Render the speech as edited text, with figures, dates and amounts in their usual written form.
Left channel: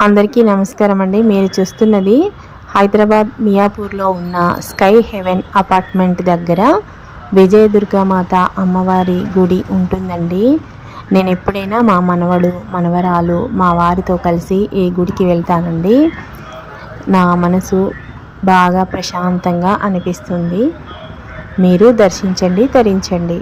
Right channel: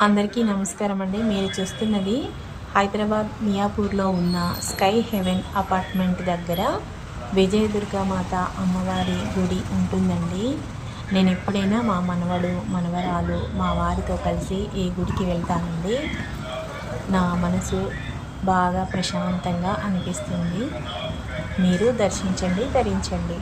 అందరికీ నమస్కారం అండి. మీరు చూస్తున్నది హైదరాబాద్ మియాపూర్లో ఉన్న స్కై హెవెన్ అపార్ట్మెంట్ దగ్గర విజయదుర్గామాత అమ్మవారి గుడి ఉంటుందండి. నేను ఎప్పుడైనా మా మనవడు మనవరాలు మా వారితో కలిసి ఈ గుడికి వెళ్తానండి. నా మనసు బాగా ప్రశాంతంగా అనిపిస్తుంది. మీరు దర్శించండి, తరించండి.